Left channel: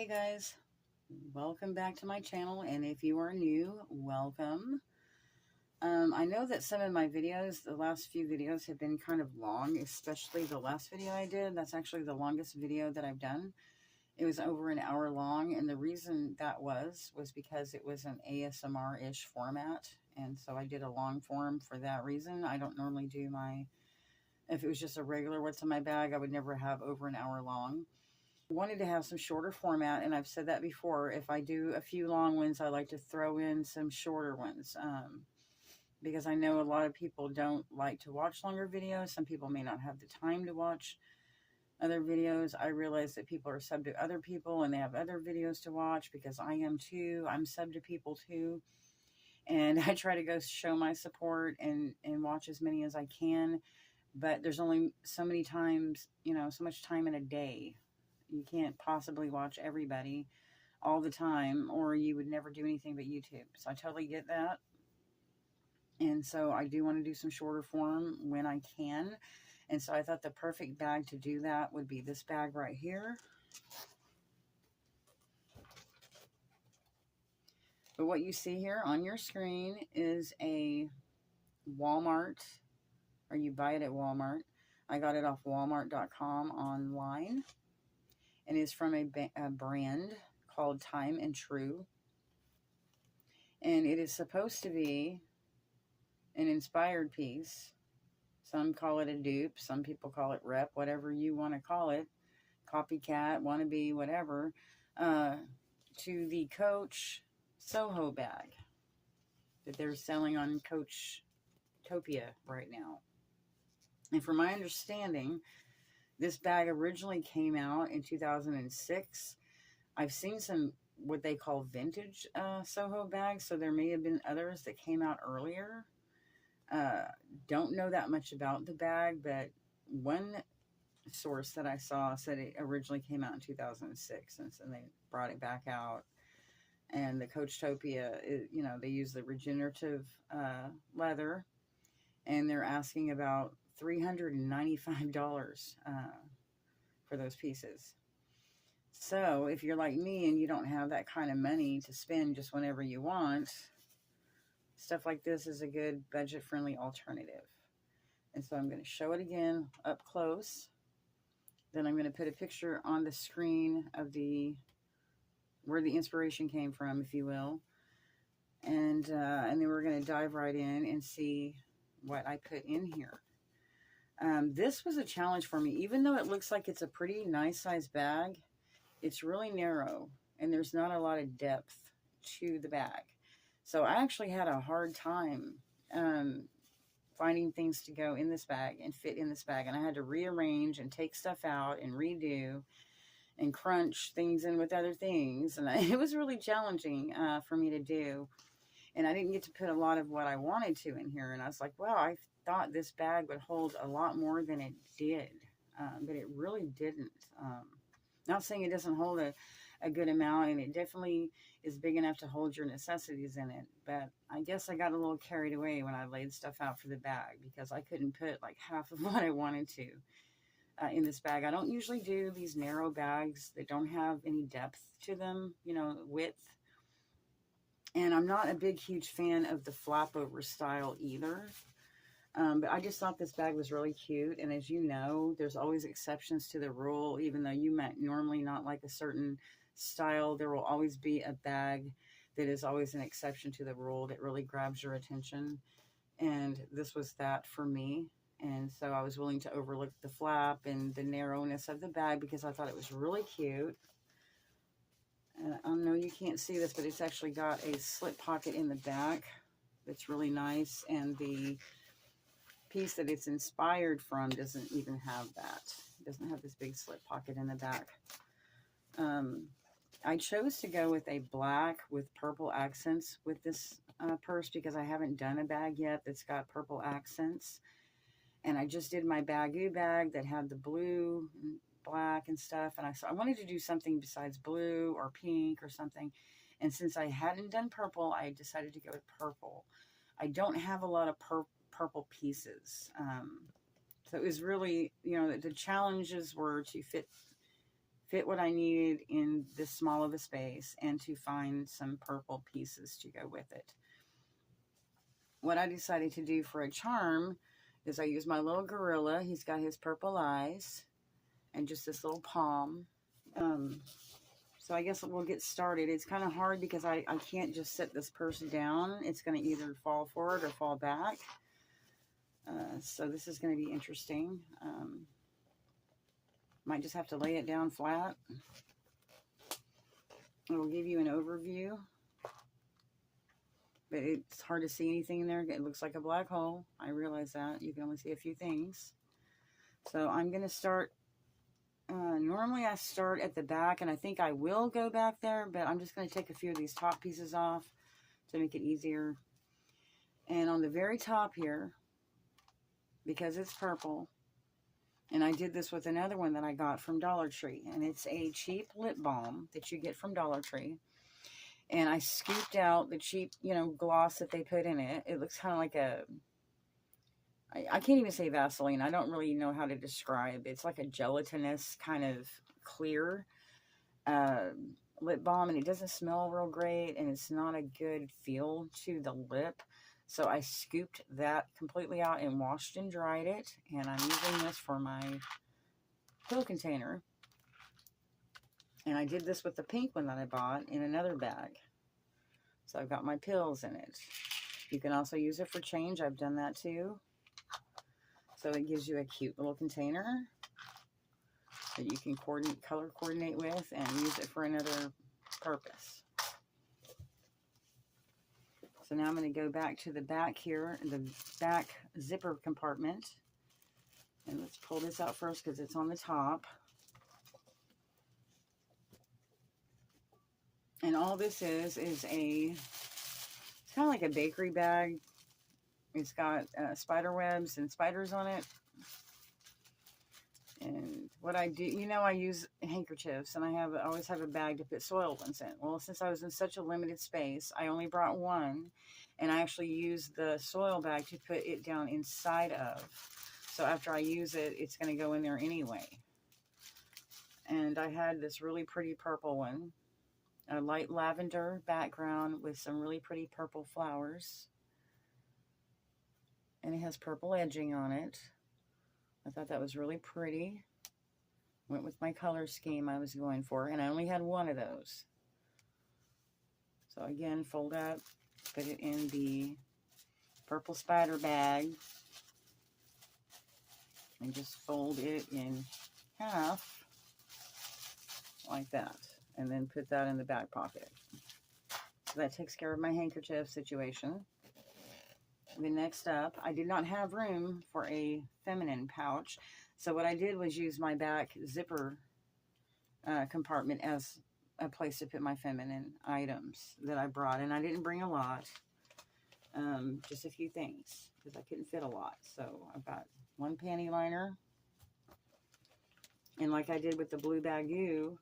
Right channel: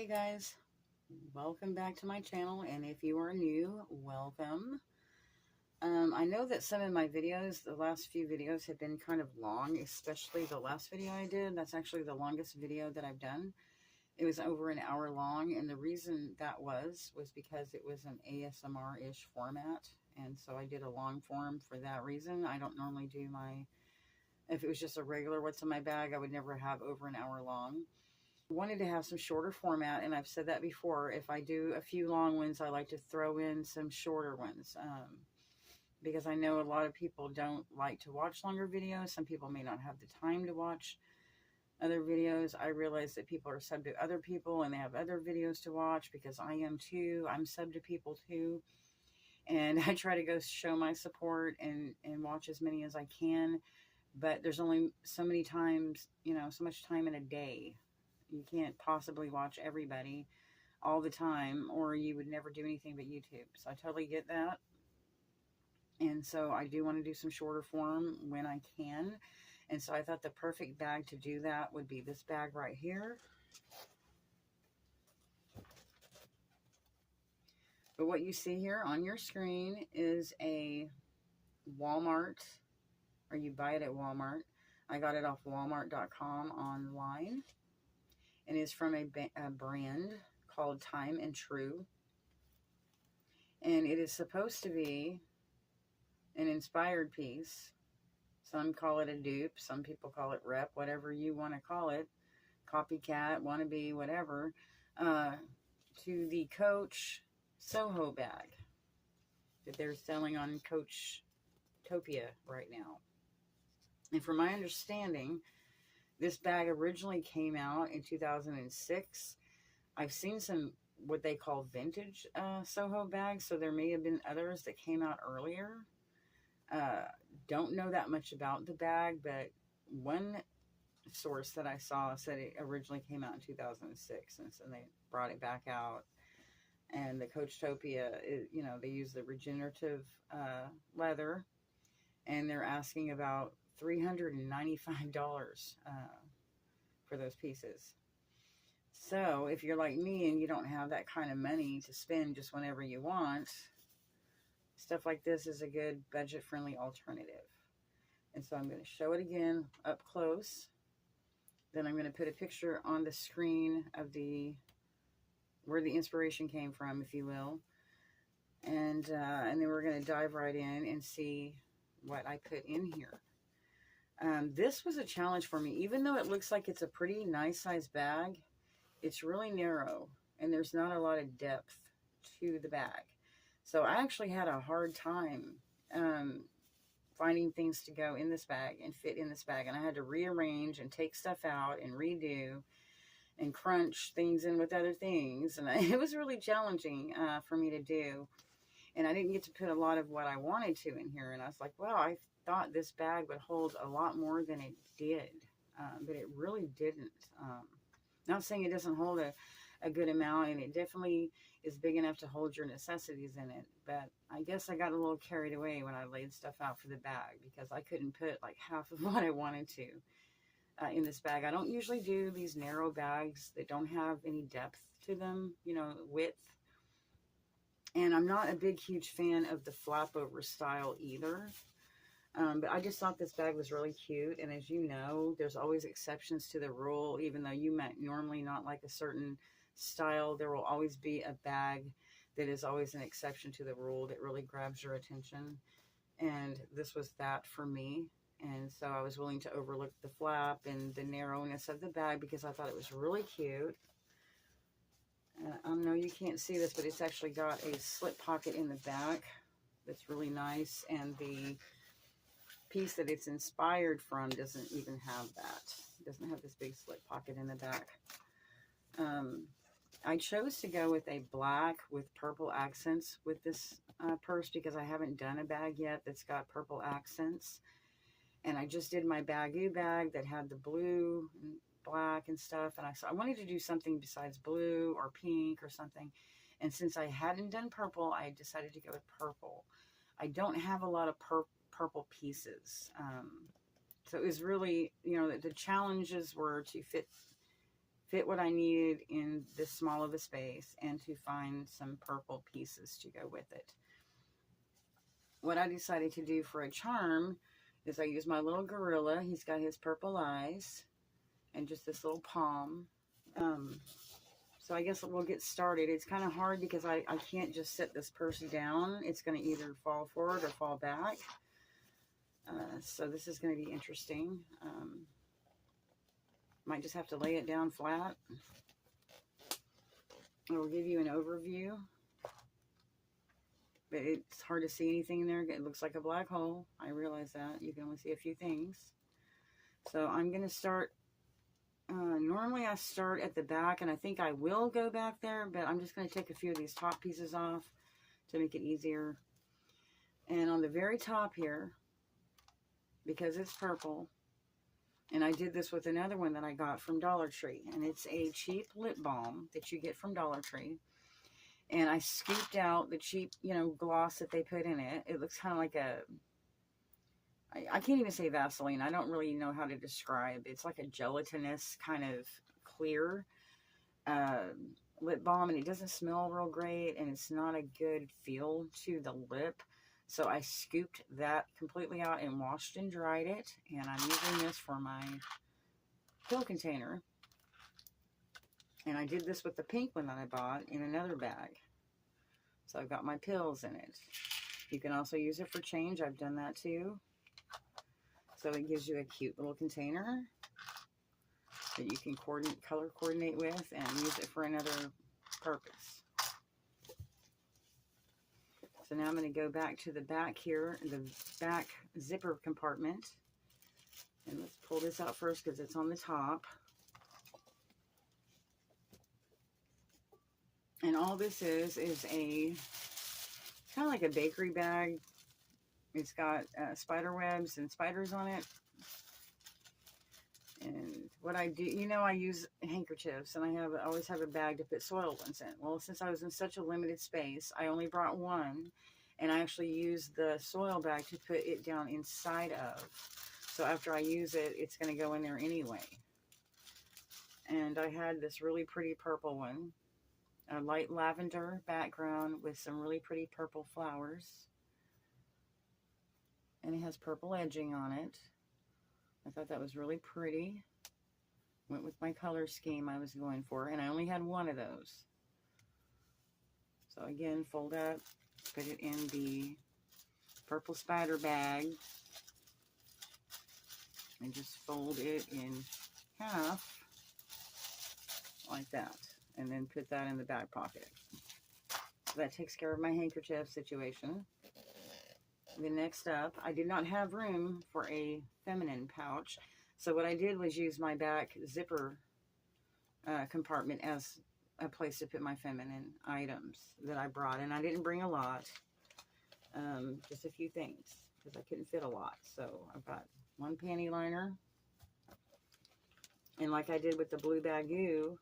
Hey guys, welcome back to my channel, and if you are new, welcome. I know that some of my videos, the last few videos have been kind of long, especially the last video I did. That's actually the longest video that I've done. It was over an hour long, and the reason that was because it was an ASMR-ish format, and so I did a long form for that reason. I don't normally do if it was just a regular what's in my bag, I would never have over an hour long. Wanted to have some shorter format, and I've said that before. If I do a few long ones, I like to throw in some shorter ones because I know a lot of people don't like to watch longer videos. Some people may not have the time to watch other videos. I realize that people are sub to other people and they have other videos to watch, because I am too. I'm sub to people too, and I try to go show my support and watch as many as I can, but there's only so many times, so much time in a day. You can't possibly watch everybody all the time, or you would never do anything but YouTube. So I totally get that. And so I do want to do some shorter form when I can. And so I thought the perfect bag to do that would be this bag right here. But what you see here on your screen is a Walmart, or you buy it at Walmart. I got it off walmart.com online. And is from a brand called Time and True. And it is supposed to be an inspired piece. Some call it a dupe. Some people call it rep, whatever you want to call it. Copycat, wannabe, whatever. To the Coach Soho Bag that they're selling on Coachtopia right now. And from my understanding, this bag originally came out in 2006. I've seen some what they call vintage Soho bags, so there may have been others that came out earlier. Don't know that much about the bag, but one source that I saw said it originally came out in 2006, and so they brought it back out. And the Coachtopia, they use the regenerative leather, and they're asking about $395 for those pieces. So if you're like me and you don't have that kind of money to spend just whenever you want, stuff like this is a good budget-friendly alternative. And so I'm going to show it again up close. Then I'm going to put a picture on the screen of where the inspiration came from, if you will. And then we're going to dive right in and see what I put in here. This was a challenge for me. Even though it looks like it's a pretty nice size bag, it's really narrow and there's not a lot of depth to the bag. So I actually had a hard time finding things to go in this bag and fit in this bag. And I had to rearrange and take stuff out and redo and crunch things in with other things. And it was really challenging for me to do. And I didn't get to put a lot of what I wanted to in here. And I was like, well, I thought this bag would hold a lot more than it did. But it really didn't. Not saying it doesn't hold a good amount, and it definitely is big enough to hold your necessities in it. But I guess I got a little carried away when I laid stuff out for the bag, because I couldn't put like half of what I wanted to in this bag. I don't usually do these narrow bags that don't have any depth to them, width. And I'm not a big, huge fan of the flap over style either. But I just thought this bag was really cute. And as you know, there's always exceptions to the rule. Even though you might normally not like a certain style, there will always be a bag that is always an exception to the rule that really grabs your attention. And this was that for me. And so I was willing to overlook the flap and the narrowness of the bag because I thought it was really cute. I know you can't see this, but it's actually got a slip pocket in the back that's really nice. And the piece that it's inspired from doesn't even have that. It doesn't have this big slip pocket in the back. I chose to go with a black with purple accents with this purse because I haven't done a bag yet that's got purple accents. And I just did my Bagoo bag that had the blue and black and stuff. And I wanted to do something besides blue or pink or something. And since I hadn't done purple, I decided to go with purple. I don't have a lot of purple pieces. So it was really, the challenges were to fit fit what I needed in this small of a space and to find some purple pieces to go with it. What I decided to do for a charm is I use my little gorilla. He's got his purple eyes and just this little palm. So I guess we'll get started. It's kind of hard because I can't just sit this person down. It's going to either fall forward or fall back. So this is going to be interesting. Might just have to lay it down flat. It will give you an overview. But it's hard to see anything in there. It looks like a black hole. I realize that. You can only see a few things. So I'm going to start. Normally I start at the back, and I think I will go back there, but I'm just going to take a few of these top pieces off to make it easier. And on the very top here, because it's purple, and I did this with another one that I got from Dollar Tree, and it's a cheap lip balm that you get from Dollar Tree. And I scooped out the cheap, gloss that they put in it. It looks kind of like I can't even say Vaseline. I don't really know how to describe. It's like a gelatinous kind of clear lip balm, and it doesn't smell real great, and it's not a good feel to the lip. So I scooped that completely out and washed and dried it, and I'm using this for my pill container. And I did this with the pink one that I bought in another bag. So I've got my pills in it. You can also use it for change. I've done that too. So it gives you a cute little container that you can color coordinate with and use it for another purpose. So now I'm going to go back to the back here, the back zipper compartment. And let's pull this out first because it's on the top. And all this is it's kind of like a bakery bag. It's got spider webs and spiders on it. And what I do, I use handkerchiefs, and I always have a bag to put soiled ones in. Well, since I was in such a limited space, I only brought one, and I actually used the soil bag to put it down inside of. So after I use it, it's going to go in there anyway. And I had this really pretty purple one, a light lavender background with some really pretty purple flowers. And it has purple edging on it. I thought that was really pretty. Went with my color scheme I was going for. And I only had one of those. So again, fold up. Put it in the purple spider bag. And just fold it in half. Like that. And then put that in the back pocket. So that takes care of my handkerchief situation. Then next up, I did not have room for a feminine pouch. So what I did was use my back zipper compartment as a place to put my feminine items that I brought. And I didn't bring a lot, just a few things because I couldn't fit a lot. So I've got one panty liner. And like I did with the blue Bagoo,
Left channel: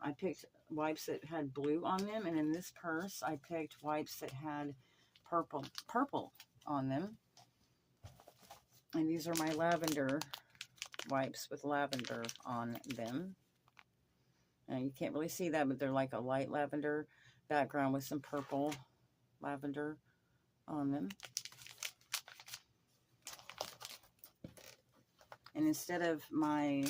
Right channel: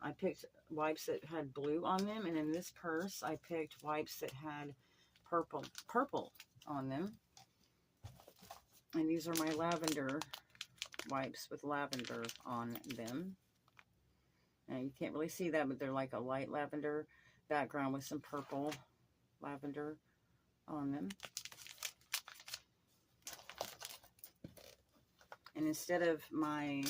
I picked wipes that had blue on them. And in this purse, I picked wipes that had purple on them. And these are my lavender wipes with lavender on them. And you can't really see that, but they're like a light lavender background with some purple lavender on them. And instead of my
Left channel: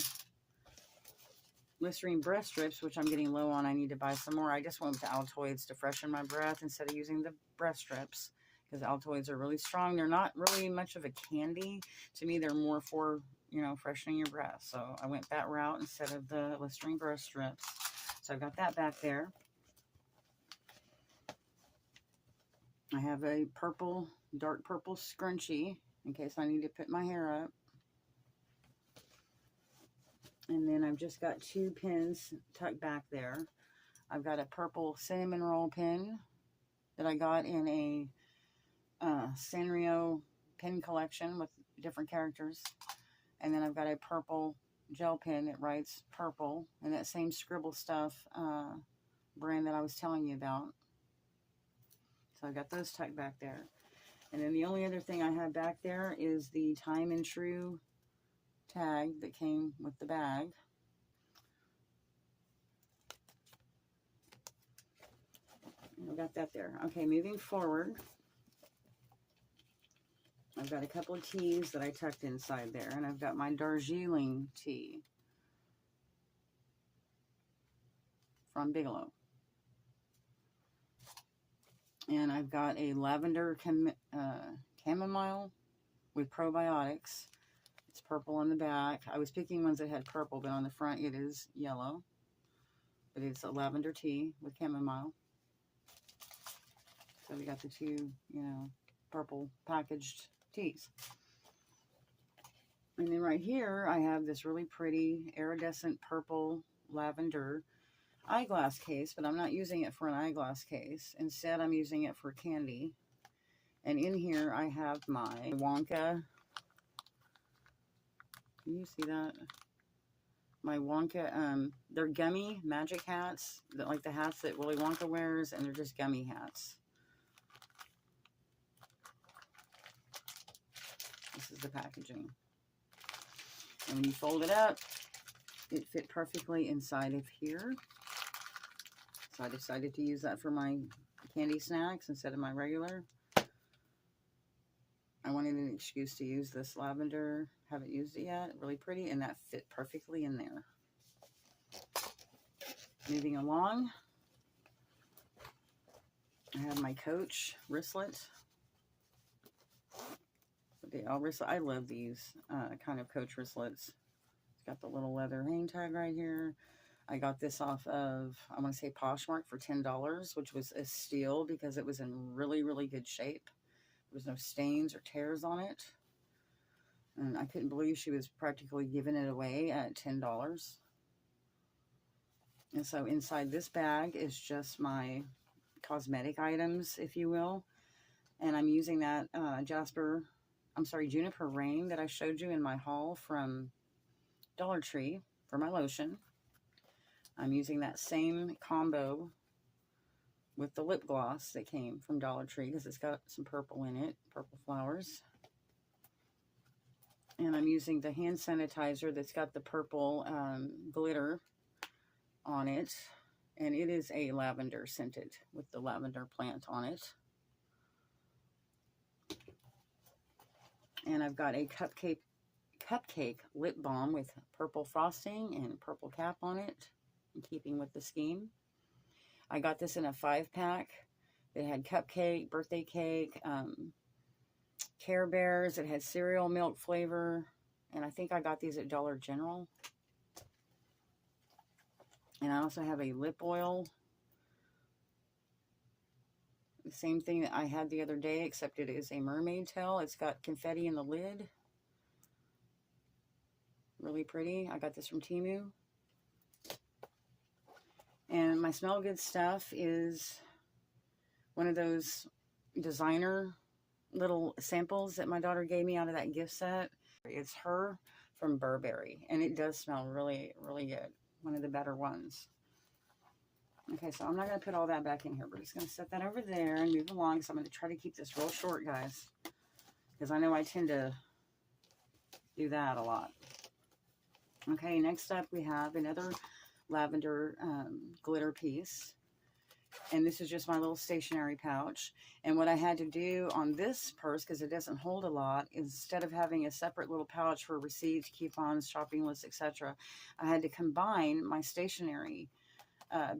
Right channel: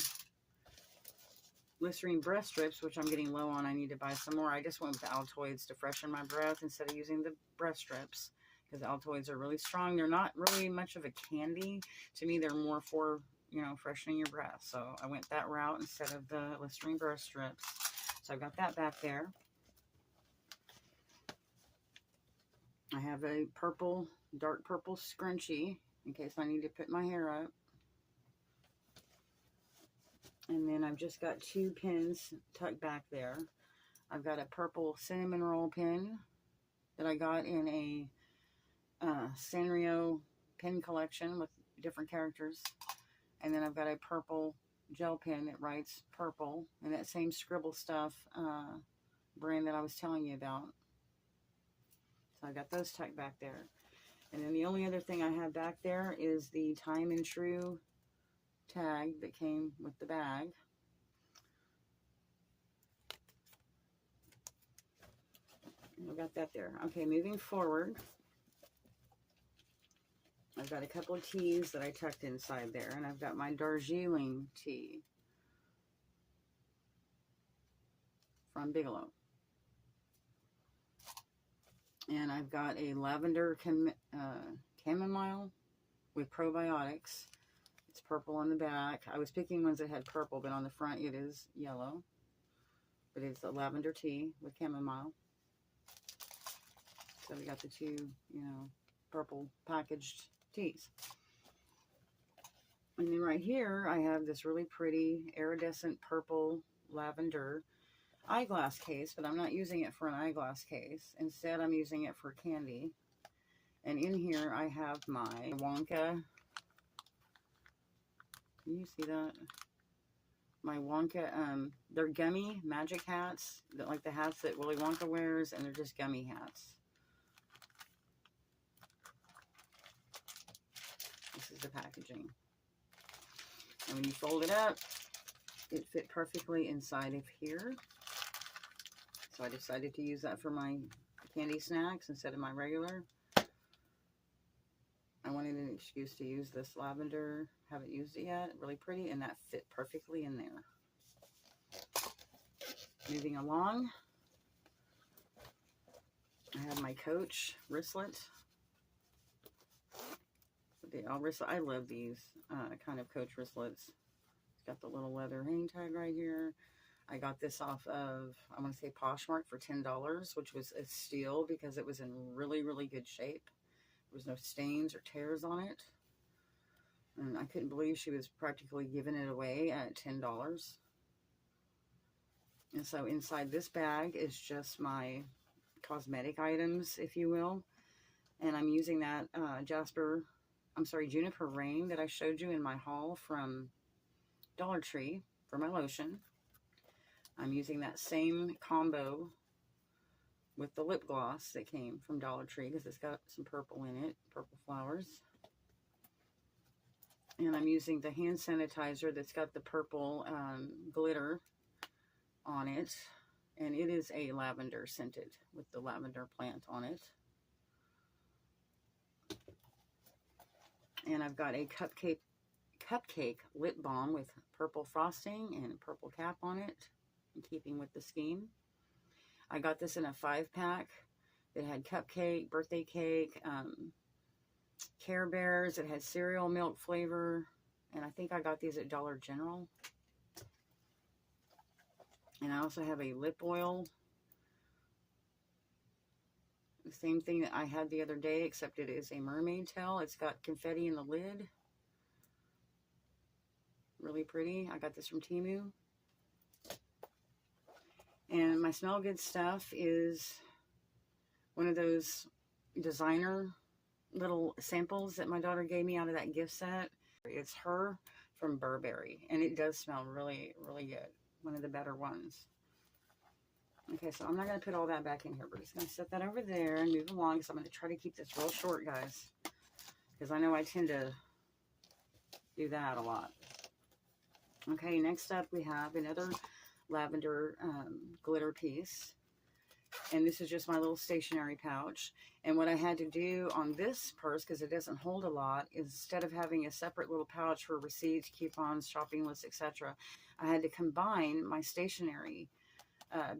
Listerine breath strips, which I'm getting low on, I need to buy some more. I just went with the Altoids to freshen my breath instead of using the breath strips. Because Altoids are really strong. They're not really much of a candy. To me, they're more for, freshening your breath. So I went that route instead of the Listerine breath strips. So I've got that back there. I have a dark purple scrunchie in case I need to put my hair up. And then I've just got 2 pins tucked back there. I've got a purple cinnamon roll pin that I got in a Sanrio pin collection with different characters. And then I've got a purple gel pen that writes purple in that same Scribble Stuff brand that I was telling you about. So I got those tucked back there. And then the only other thing I have back there is the Time and True tag that came with the bag. got that there. Okay, moving forward, I've got a couple of teas that I tucked inside there, and I've got my Darjeeling tea from Bigelow. And I've got a lavender chamomile with probiotics. It's purple on the back. I was picking ones that had purple, but on the front it is yellow. But it's a lavender tea with chamomile. So we got the two, you know, purple packaged teas. And then right here, I have this really pretty iridescent purple lavender eyeglass case, but I'm not using it for an eyeglass case. Instead, I'm using it for candy. And in here, I have my Wonka. Can you see that? My Wonka, they're gummy magic hats, like the hats that Willy Wonka wears, and they're just gummy hats. This is the packaging. And when you fold it up, it fit perfectly inside of here. So I decided to use that for my candy snacks instead of my regular. I wanted an excuse to use this lavender. Haven't used it yet. Really pretty, and that fit perfectly in there. Moving along, I have my Coach wristlet. I love these kind of Coach wristlets. It's got the little leather hang tag right here. I got this off of, I want to say Poshmark for $10, which was a steal because it was in really, really good shape. There was no stains or tears on it. And I couldn't believe she was practically giving it away at $10. And so inside this bag is just my cosmetic items, if you will. And I'm using that Juniper Rain that I showed you in my haul from Dollar Tree for my lotion. I'm using that same combo with the lip gloss that came from Dollar Tree because it's got some purple in it, purple flowers. And I'm using the hand sanitizer that's got the purple glitter on it. And it is a lavender scented with the lavender plant on it. And I've got a cupcake lip balm with purple frosting and purple cap on it, in keeping with the scheme. I got this in a 5-pack. It had cupcake, birthday cake, Care Bears. It had cereal milk flavor. And I think I got these at Dollar General. And I also have a lip oil. The same thing that I had the other day, except it is a mermaid tail. It's got confetti in the lid. Really pretty. I got this from Temu. And my Smell Good stuff is one of those designer little samples that my daughter gave me out of that gift set. It's her from Burberry, and it does smell really, really good. One of the better ones. Okay, so I'm not going to put all that back in here. We're just going to set that over there and move along. So I'm going to try to keep this real short, guys, because I know I tend to do that a lot. Okay, next up we have another lavender glitter piece. And this is just my little stationery pouch. And what I had to do on this purse, because it doesn't hold a lot, is instead of having a separate little pouch for receipts, coupons, shopping lists, etc., I had to combine my stationery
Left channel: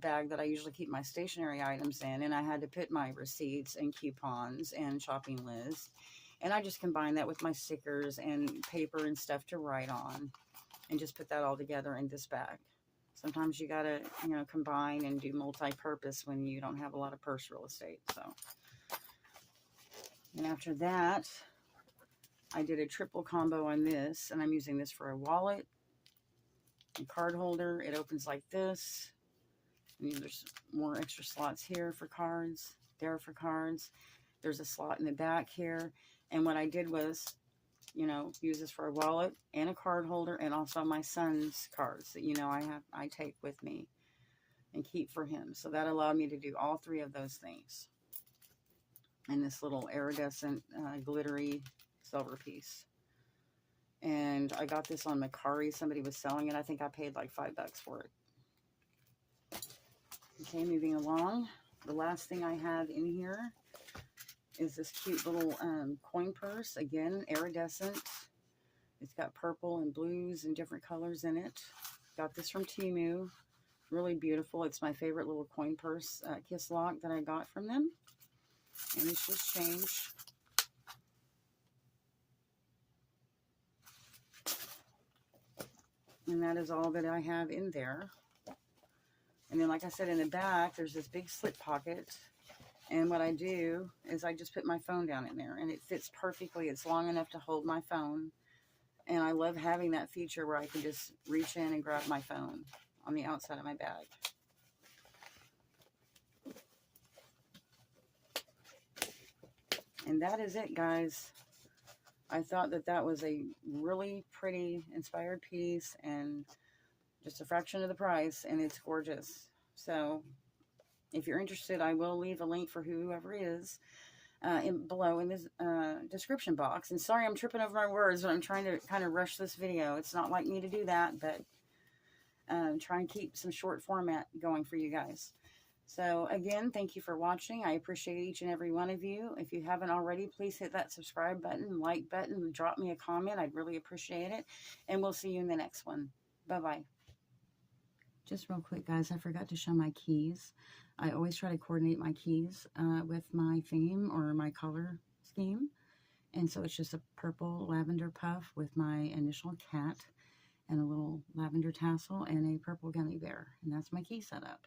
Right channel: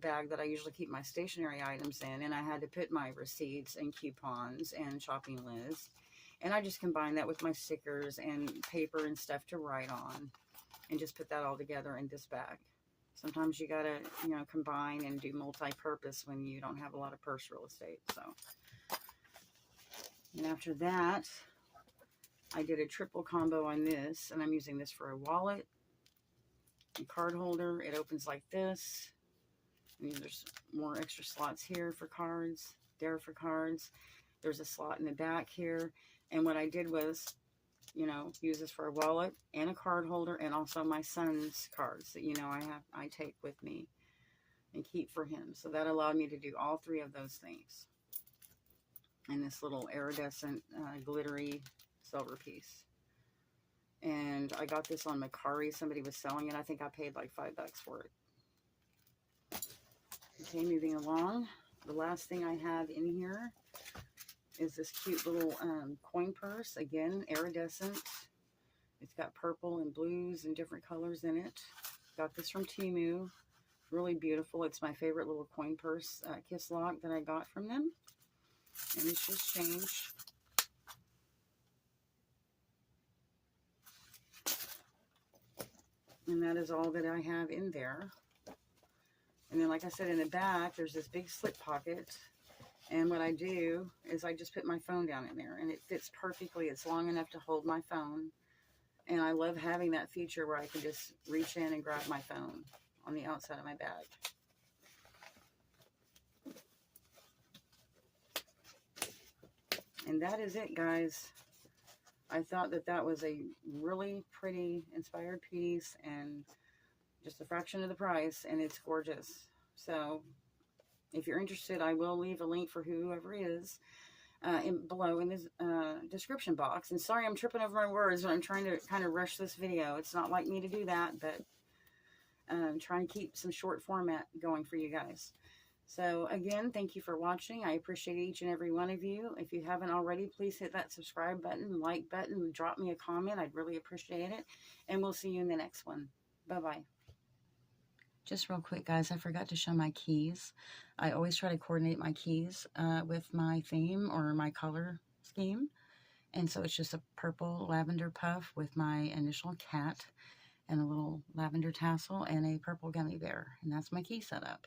bag that I usually keep my stationery items in, and I had to put my receipts and coupons and shopping lists. And I just combined that with my stickers and paper and stuff to write on, and just put that all together in this bag. Sometimes you gotta, you know, combine and do multi-purpose when you don't have a lot of purse real estate. So, and after that, I did a triple combo on this, and I'm using this for a wallet and card holder. It opens like this. And there's more extra slots here for cards, there for cards. There's a slot in the back here. And what I did was, you know, use this for a wallet and a card holder, and also my son's cards that, you know, I take with me and keep for him. So that allowed me to do all three of those things. And this little iridescent glittery silver piece. And I got this on Mercari. Somebody was selling it. I think I paid like $5 for it. Okay, moving along. the last thing I have in here is this cute little coin purse. Again, iridescent. It's got purple and blues and different colors in it. Got this from Temu. Really beautiful. It's my favorite little coin purse kiss lock that I got from them. And it's just changed. And that is all that I have in there. And then, like I said, in the back, there's this big slip pocket. And what I do is I just put my phone down in there. And it fits perfectly. It's long enough to hold my phone. And I love having that feature where I can just reach in and grab my phone on the outside of my bag. And that is it, guys. I thought that that was a really pretty inspired piece and just a fraction of the price, and it's gorgeous. So if you're interested, I will leave a link for whoever is below in this description box. And sorry I'm tripping over my words, but I'm trying to kind of rush this video. It's not like me to do that, but try and keep some short format going for you guys. So again, thank you for watching. I appreciate each and every one of you. If you haven't already, please hit that subscribe button, like button, drop me a comment. I'd really appreciate it. And we'll see you in the next one. Bye-bye. Just real quick, guys, I forgot to show my keys. I always try to coordinate my keys with my theme or my color scheme. And so it's just a purple lavender puff with my initial cat and a little lavender tassel and a purple gummy bear. And that's my key setup.